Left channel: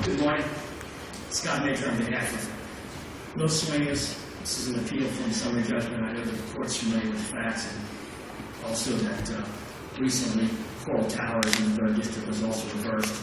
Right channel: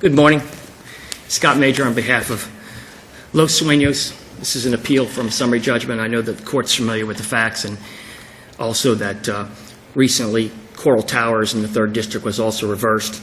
Good morning. Scott Major on behalf of Los Suenos. This is an appeal from summary judgment. I know that the court's familiar with the facts, and also that recently Coral Towers in the 3rd District was also reversed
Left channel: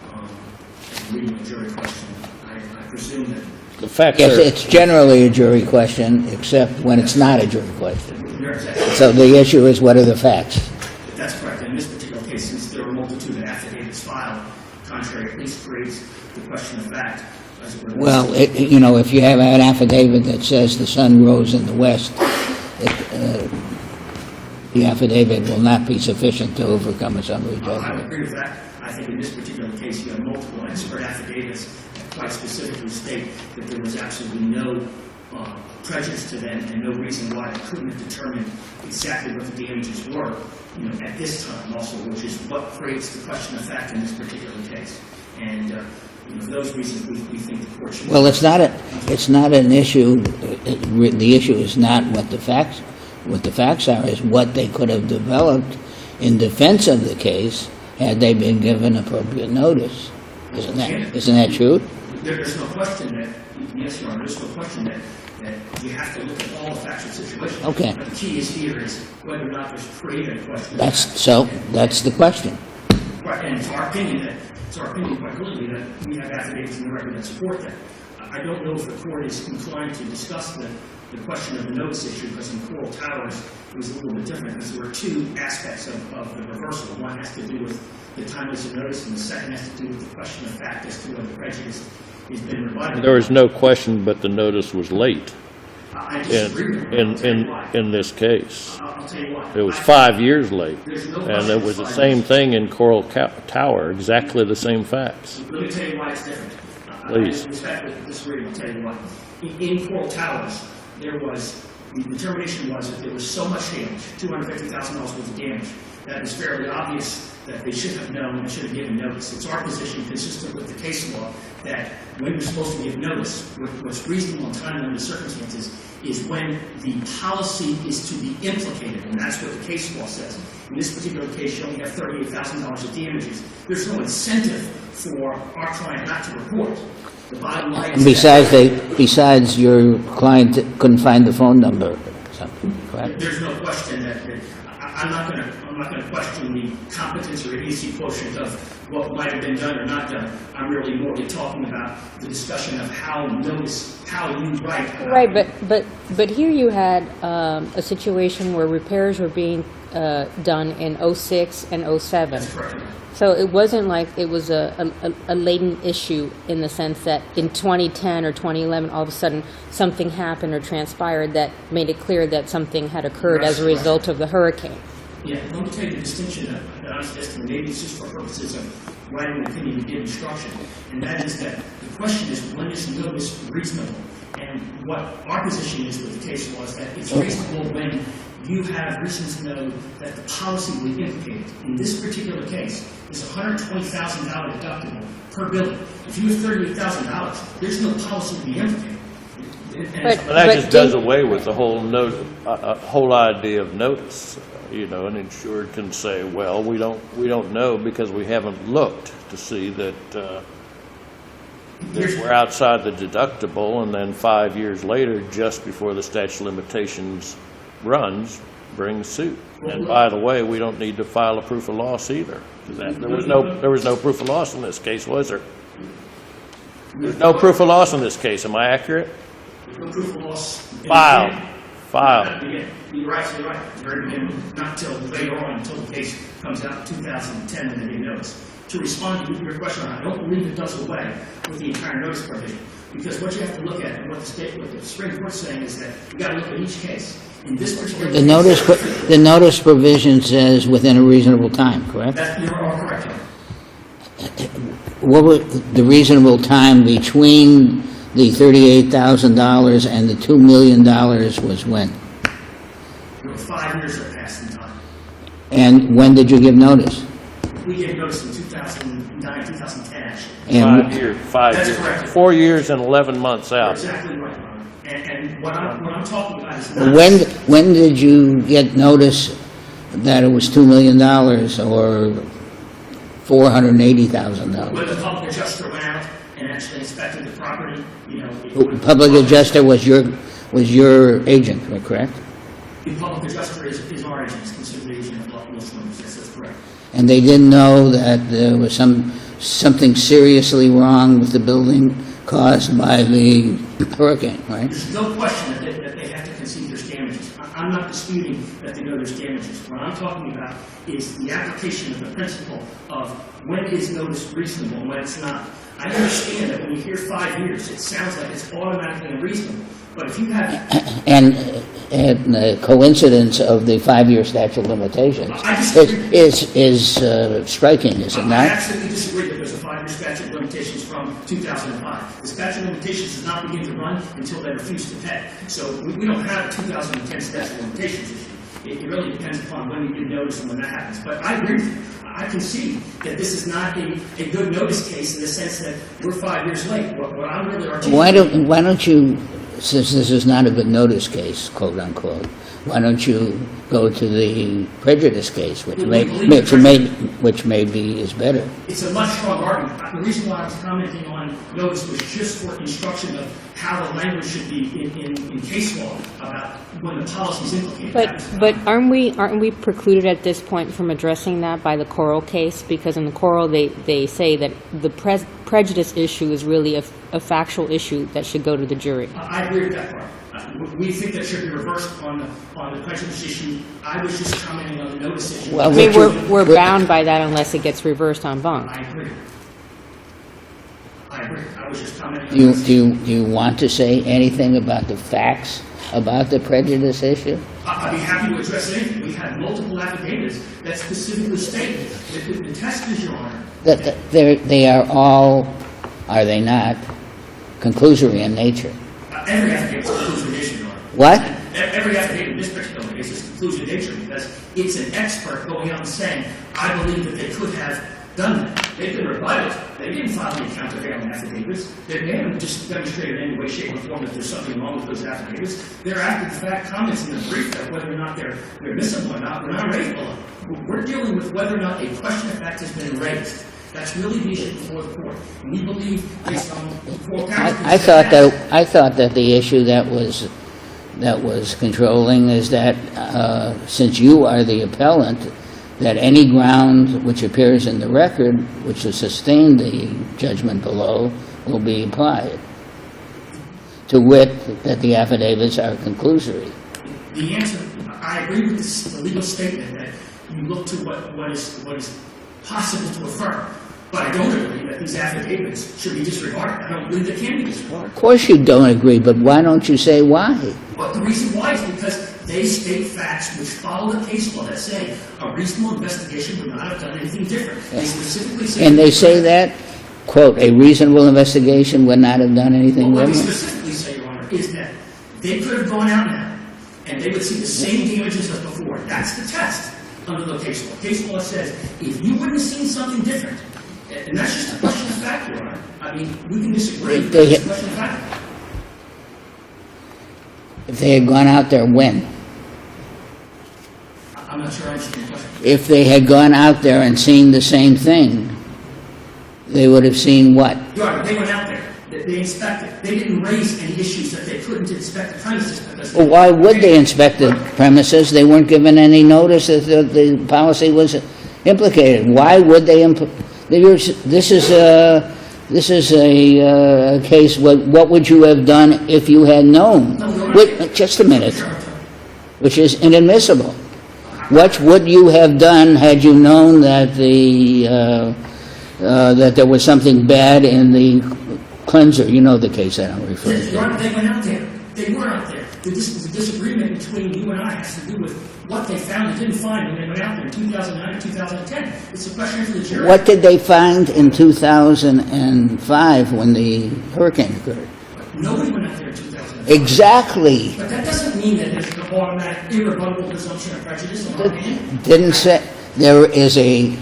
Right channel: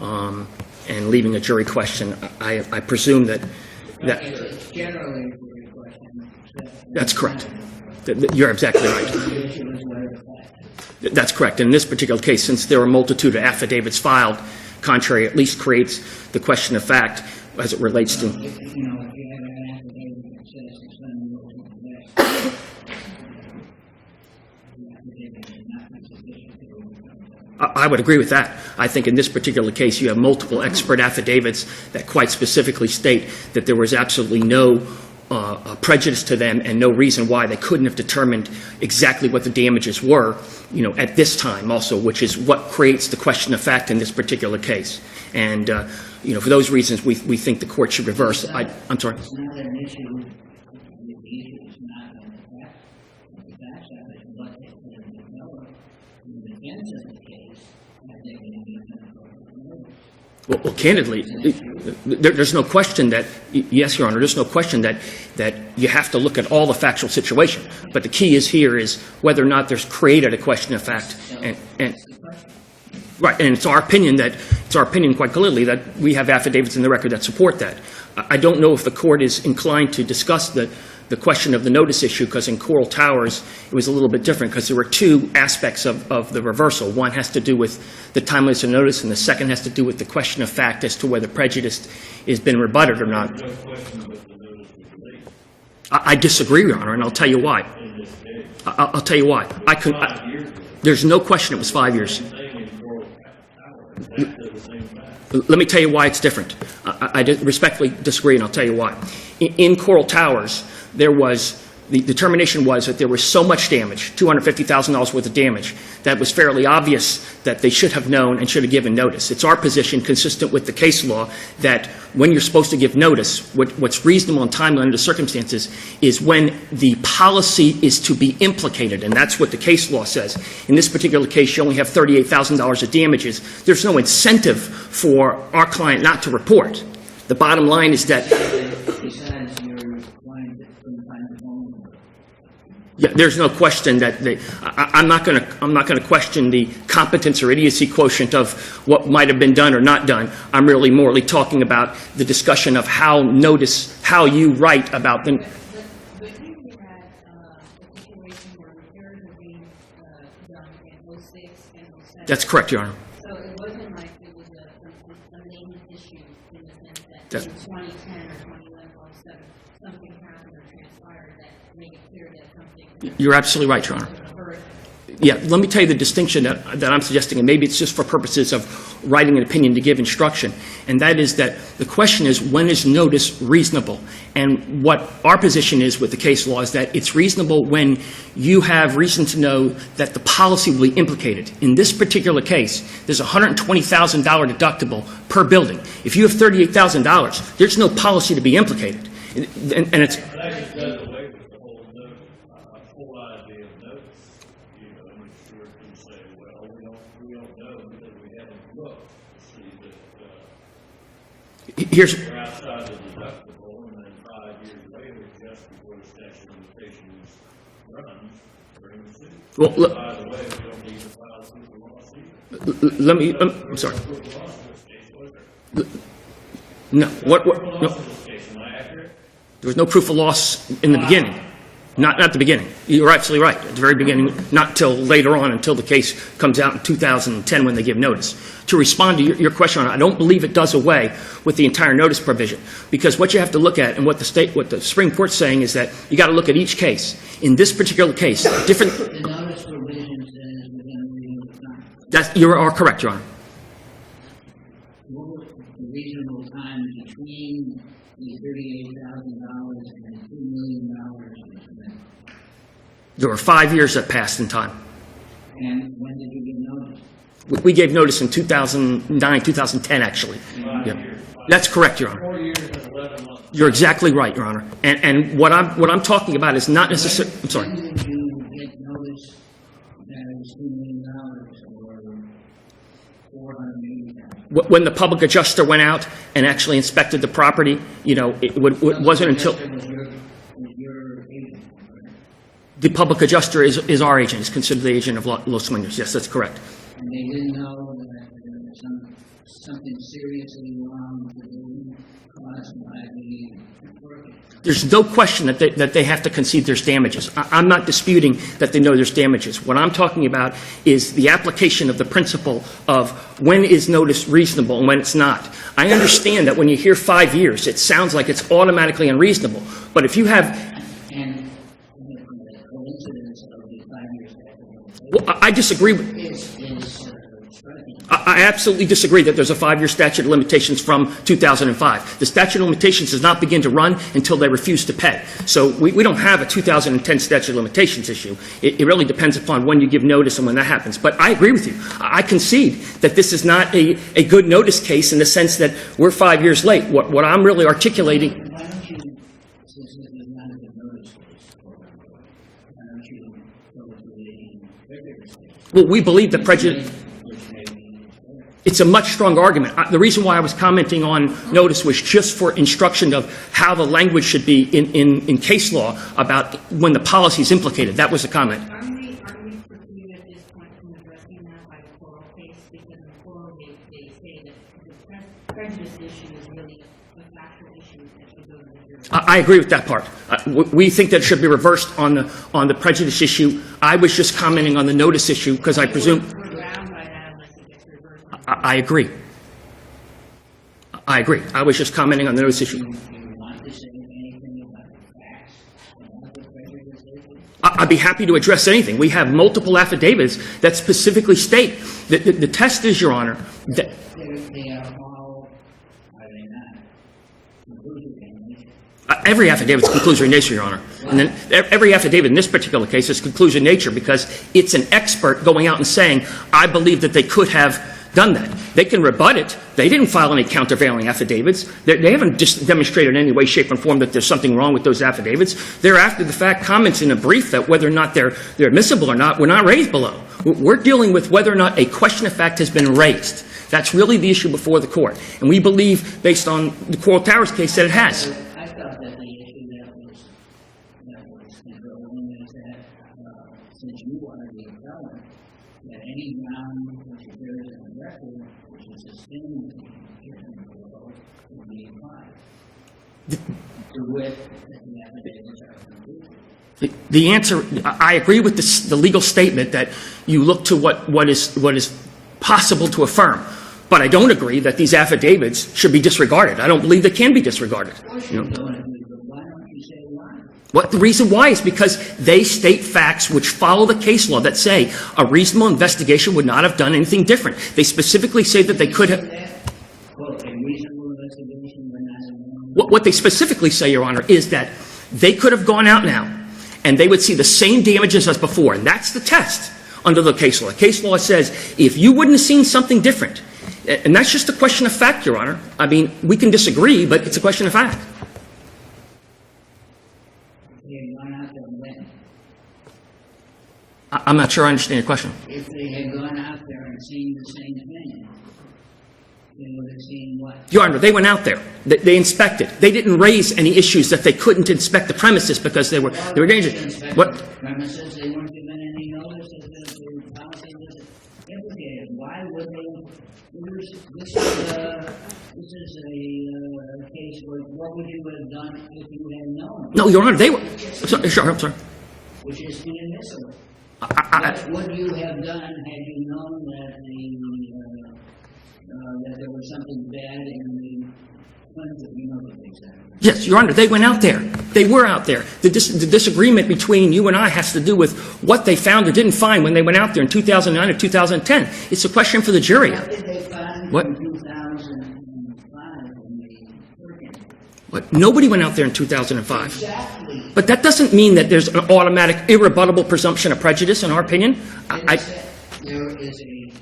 and leaving a jury question. I presume that The fact is, it's generally a jury question, except when it's not a jury question. You're exactly right. So the issue is, what are the facts? That's correct. In this particular case, since there are a multitude of affidavits filed, contrary at least creates the question of fact as it relates Well, to... if you have an affidavit that says the sun rose in the west, the affidavit will not be sufficient to overcome a summary judgment. I would agree with that. I think in this particular case, you have multiple expert affidavits that quite specifically state that there was absolutely no prejudice to them and no reason why they couldn't have determined exactly what the damages were, at this time also, which is what creates the question of fact in this particular case. And, for those reasons, we think the court should reverse. Well, it's not I'm sorry. it's not an issue. The issue is not what the facts are, is what they could have developed in defense of the case had they been given appropriate notice. Well, candidly, isn't that true? There's no question that, yes, Your Honor, there's no question that you have to look at all the factual situation. Okay. But the key here is whether or not there's created a question of fact. That's the question. Right, and it's our opinion quite clearly that we have affidavits in the record that support that. I don't know if the court is inclined to discuss the question of the notice issue, because in Coral Towers it was a little bit different, because there were two aspects of the reversal. One has to do with the timeliness of notice, and the second has to do with the question of fact as to whether prejudice has been rebutted or not. There was no question, but the notice was late. I disagree, Your Honor, and I'll tell you why. In this case. I'll tell you why. It was 5 years late. There's no question it was 5 years. The same thing in Coral Tower, exactly the same facts. Let me tell you why it's different. I respectfully disagree, and I'll tell you why. In Coral Towers, the determination was that there was so much damage, $250,000 worth of damage, that it was fairly obvious that they should have known and should have given notice. It's our position, consistent with the case law, that when you're supposed to give notice, what's reasonable and timely under the circumstances is when the policy is to be implicated, and that's what the case law says. In this particular case, you only have $38,000 of damages. There's no incentive for our client not to report. The bottom line is Besides, your client couldn't find the phone number. There's no question that I'm not going to question the competence or idiocy quotient of what might have been done or not done. I'm really morally talking about the discussion of how you write about right, them. but here you had a situation where repairs were being done in 06 and 07. That's correct, Your Honor. So it wasn't like it was a latent issue in the sense that in 2010 or 2011, all of a sudden something happened or transpired that made it clear that something had occurred as a result of the hurricane. Yeah, let me tell you the distinction that I'm suggesting, and maybe it's just for purposes of writing an opinion to give instruction, and that is that the question is, when is notice reasonable? And what our position is with the case law is that it's reasonable when you have reason to know that the policy will be implicated. In this particular case, there's a $120,000 deductible per building. If you have $38,000, there's no policy to be implicated. That just does away with the whole idea of notice. An insured can say, well, we don't know because we haven't looked to see that we're outside the deductible, and then 5 years later, just before the statute of limitations runs, bring suit. Well, and by the way, we don't need to file a proof of loss either. There was no proof of loss in this case, was there? No proof of loss in this case. Am I accurate? There was no proof of loss in the beginning. Not at the beginning. You're absolutely right. At the very beginning, not until later on, until the case comes out in 2010 when they give notice. To respond to your question, I don't believe it does away with the entire notice provision, because what you have to look at and what the Supreme Court's saying is that you got to look at each case. In this particular case, the notice provision says within a reasonable time, correct? You are correct, Your Honor. What was the reasonable time between the $38,000 and the $2 million was when? There were 5 years that passed in time. And when did you give notice? We gave notice in 2009, 2010, actually. And 5 years. That's correct, Your Honor. 4 years and 11 months out. You're exactly right, Your Honor. And what I'm talking about is not when did you get notice that it was $2 million or $480,000. When the public adjuster went out and actually inspected the property, you know, Public wasn't adjuster until- was your agent, correct? The public adjuster is our agent, is considered the agent of Los Suenos. Yes, that's correct. And they didn't know that there was something seriously wrong with the building caused by the hurricane, right? There's no question that they have to concede there's damages. I'm not disputing that they know there's damages. What I'm talking about is the application of the principle of when is notice reasonable and when it's not. I understand that when you hear 5 years, it sounds like it's automatically unreasonable. But if you have... And the coincidence of the 5-year statute of limitations. I disagree. Is striking, is it not? I absolutely disagree that there's a 5-year statute of limitations from 2005. The statute of limitations does not begin to run until they refuse to pay. So we don't have a 2010 statute of limitations issue. It really depends upon when you give notice and when that happens. But I agree with you. I concede that this is not a good notice case in the sense that we're 5 years late. What I'm really articulating... Why don't you, since this is not a good notice case, quote unquote, why don't you go to the prejudice case, which maybe is better? It's a much stronger argument. The reason why I was commenting on notice was just for instruction of how the language should be in case law about when the policy is implicated. That was the comment. But aren't we precluded at this point from addressing that by the Coral case? Because in the Coral, they say that the prejudice issue is really a factual issue that should go to the jury. I agree with that part. We think that it should be reversed on the prejudice issue. I was just commenting on the notice issue. Well, we're bound by that unless it gets reversed on bond. I agree. I was just commenting on the notice issue. Do you want to say anything about the facts about the prejudice issue? I'd be happy to address anything. We have multiple affidavits that specifically state that the test is, Your Honor. They are all, are they not, conclusory in nature? Every affidavit is conclusory in nature, Your Honor. What? And then every affidavit in this particular case is conclusory in nature because it's an expert going out and saying, I believe that they could have done that. They can rebut it. They didn't file any countervailing affidavits. They haven't just demonstrated in any way, shape, or form that there's something wrong with those affidavits. They're after the fact comments in a brief that whether or not they're admissible or not were not raised below. We're dealing with whether or not a question of fact has been raised. That's really the issue before the court. And we believe, based on the Coral Towers case, that it has. I thought that the issue that was controlling is that since you are the appellant, that any ground which appears in the record which has sustained the judgment below will be applied, to wit, that the affidavits are conclusory. The answer, I agree with the legal statement that you look to what is possible to affirm. But I don't agree that these affidavits should be disregarded. I don't believe they can be disregarded. Of course you don't agree, but why don't you say why? The reason why is because they state facts which follow the case law that say a reasonable investigation would not have done anything different. They specifically say that they could have... And they say that, quote, a reasonable investigation would not have done anything different? What they specifically say, Your Honor, is that they could have gone out now and they would see the same damages as before. And that's the test under the case law. The case law says if you wouldn't have seen something different, and that's just a question of fact, Your Honor. I mean, we can disagree, but it's a question of fact. If they had gone out there, when? I'm not sure I understand your question. If they had gone out there and seen the same thing, they would have seen what? Your Honor, they went out there. They inspected. They didn't raise any issues that they couldn't inspect the premises because they were... Why would they inspect the premises? They weren't given any notice that the policy was implicated. Why would they... This is a case. What would you have done if you had known? No, Your Honor. Just a minute. Sure, I'm sorry. Which is inadmissible. What would you have done had you known that that there was something bad in the cleanser? You know the case that I'm referring to. Yes, Your Honor. They went out there. They were out there. The disagreement between you and I has to do with what they found or didn't find when they went out there in 2009 or 2010. It's a question for the jury. What did they find in 2005 when the hurricane occurred? Nobody went out there in 2005. Exactly. But that doesn't mean that there's an automatic, irrebuttable presumption of prejudice, in our opinion. Didn't say there is a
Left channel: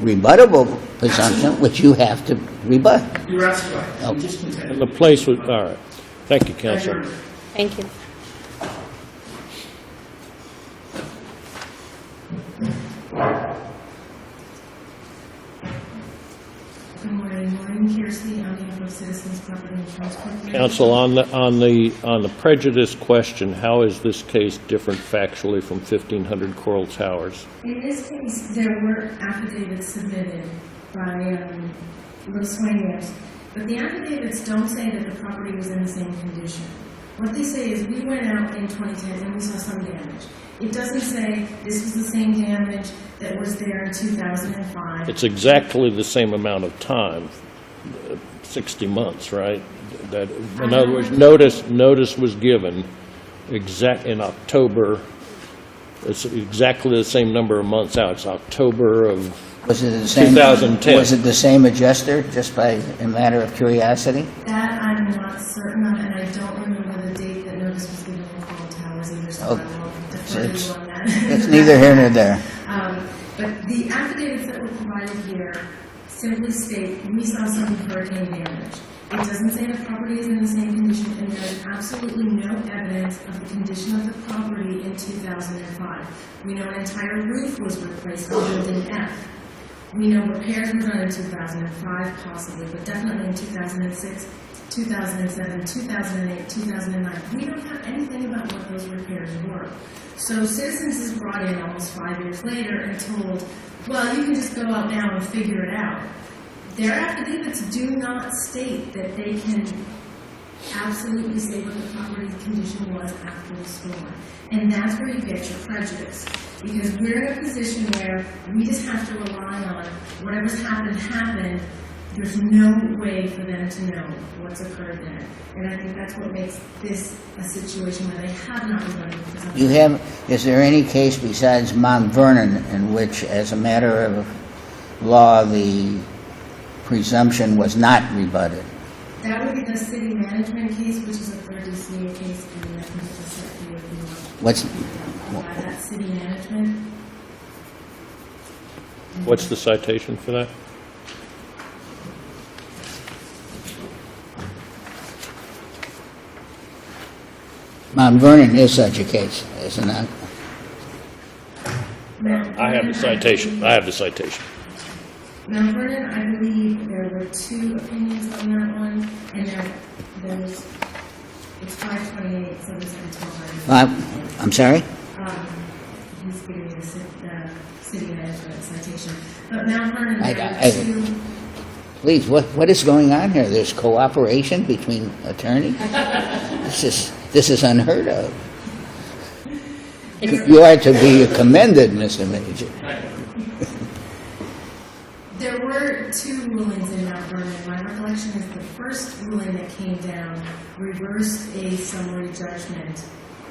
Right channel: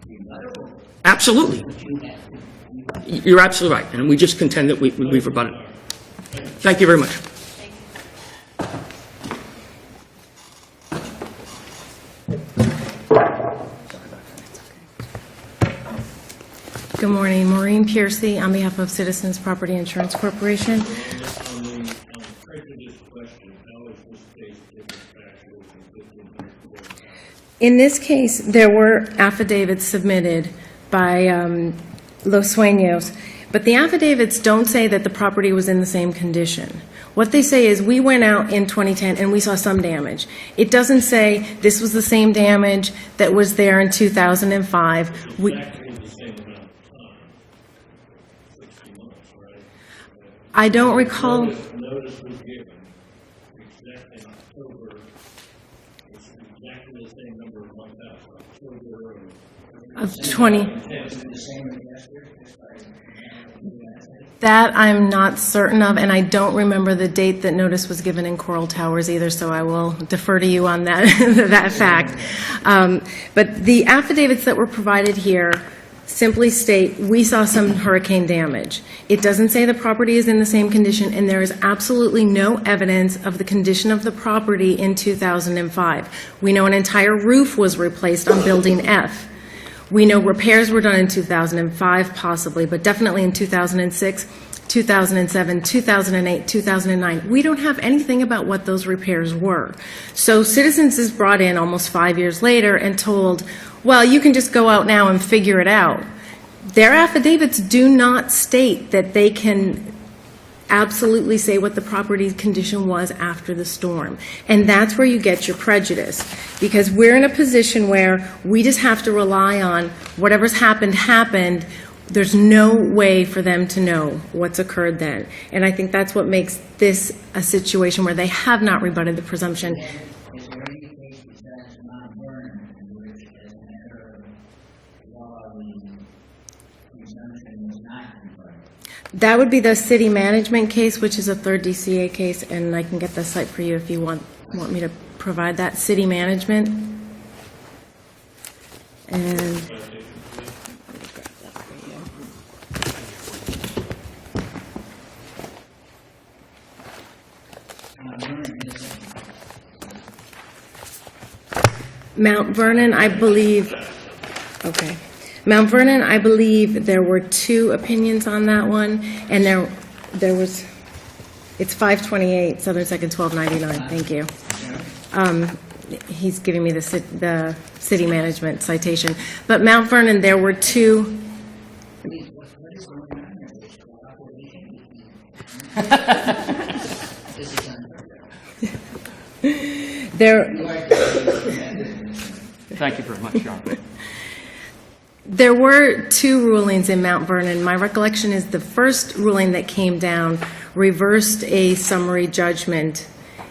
rebuttable presumption, Absolutely. which you have to rebut. You're absolutely right. And we just contend that we Place rebut it. retired. Thank you. Thank you very much. Thank you. Good morning, Maureen Piercy on behalf of Citizens Property Insurance Corporation. Counsel, on the prejudice question, how is this case different factually from 1500 Coral Towers? In this case, there were affidavits submitted by Los Suenos, but the affidavits don't say that the property was in the same condition. What they say is, we went out in 2010 and we saw some damage. It doesn't say this was the same damage that was there in 2005. It's exactly the same amount of time, 60 months, right? That I don't recall. Notice was given in October. It's exactly the same number of months out. It's October of Was it the same? 2010. Was it the same adjuster, just by a matter of curiosity? That I'm not certain of, and I don't remember the date that notice was given in Coral Towers either, so I will defer to you on that, that Neither here nor fact. there. But the affidavits that were provided here simply state, we saw some hurricane damage. It doesn't say the property is in the same condition, and there is absolutely no evidence of the condition of the property in 2005. We know an entire roof was replaced on Building F. We know repairs were done in 2005 possibly, but definitely in 2006, 2007, 2008, 2009. We don't have anything about what those repairs were. So Citizens is brought in almost 5 years later and told, well, you can just go out now and figure it out. Their affidavits do not state that they can absolutely say what the property condition was after the storm. And that's where you get your prejudice, because we're in a position where we just have to rely on whatever's happened. There's no way for them to know what's occurred then. And I think that's what makes this a situation where they have not rebutted the presumption. Is there any case besides Mount Vernon in which, as a matter of law, the presumption was not rebutted? That would be the city management case, which is a third DCA case, and I can get the site for you if you want me to provide that. City management. What's the citation for that? Mount Vernon is such a case, isn't it? Mount Vernon, I believe. I have the citation. Okay. Mount Vernon, I believe there were two opinions on that one, and there was, it's 528, Southern Second, 1299, thank you. I'm sorry? He's giving me the city management citation. But Mount Vernon, there were two. Please, what is going on here? There's cooperation between attorneys? This is unheard of. You are to be commended, Mr. Major. Thank you very much, John. There were two rulings in Mount Vernon. My recollection is the first ruling that came down reversed a summary judgment,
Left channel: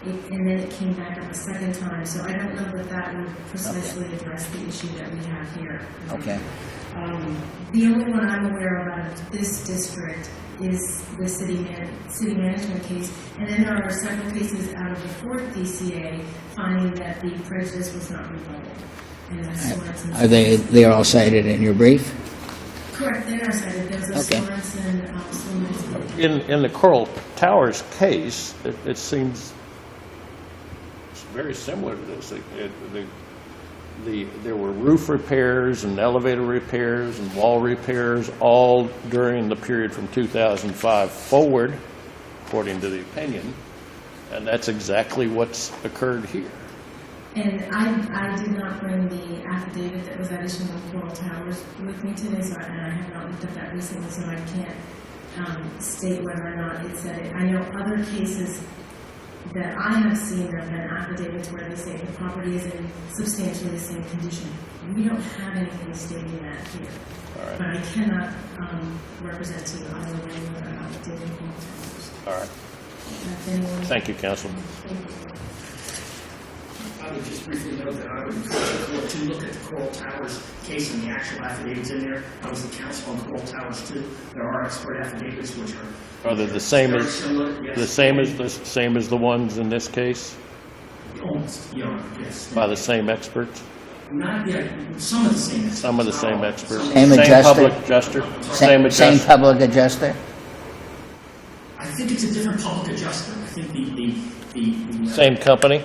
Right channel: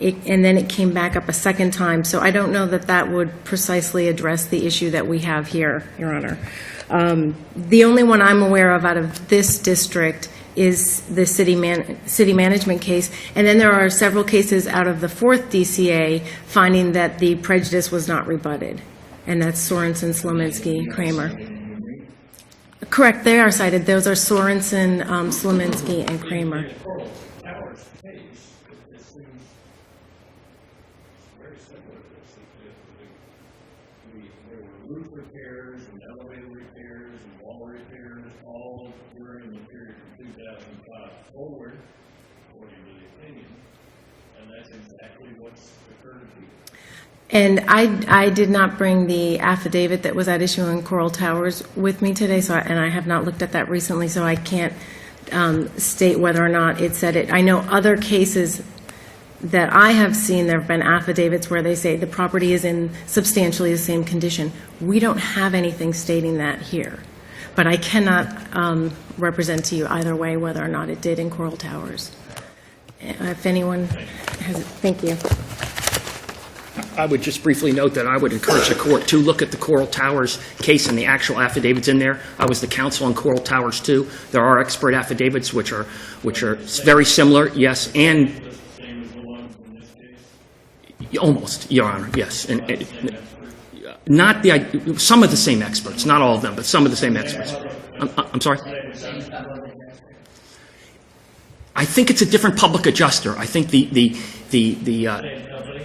and then it came back up a second time. So I don't know that that would precisely address the issue that we have here, Your Honor. The only one I'm aware of out of this district is the city management case, and then there are several cases out of the fourth DCA finding that the prejudice was not rebutted. And that's Sorensen, Are they all Kramer. cited in your brief? Correct, they are cited. Those are Sorensen, Slominski, and Kramer. In the Coral Towers case, it seems it's very similar to this. There were roof repairs and elevator repairs and wall repairs all during the period from 2005 forward, according to the opinion, and that's exactly what's occurred here. And I did not bring the affidavit that was at issue in Coral Towers with me today, and I have not looked at that recently, so I can't state whether or not it said it. I know other cases that I have seen, there have been affidavits where they say the property is in substantially the same condition. We don't have anything stating that here, but I cannot represent to you either way whether or not it did in Coral Towers. All right. If anyone. Thank you, Counsel. Thank you. I would just briefly note that I would encourage the court to look at the Coral Towers case and the actual affidavits in there. I was the counsel on Coral Towers too. There are expert affidavits which are very similar. Yes, The same as the ones in this case? Almost, Your Honor. Yes. By the same experts? Not some of the same experts, not all of them, but some of the Same same. adjuster? Public adjuster? I'm sorry? Same Same adjuster? public adjuster? I think it's a different public adjuster. I think the Same company?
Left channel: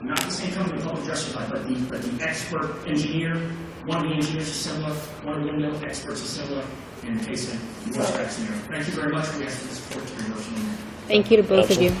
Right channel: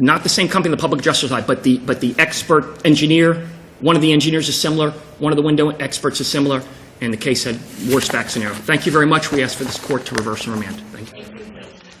not the same company the public adjuster side, but the expert engineer one of the engineers is similar, one of the window experts is similar, and the case had worse fact scenario. Thank you very much. We ask for this court to reverse and remand. Thank you. Thank you to both of Counsel. you.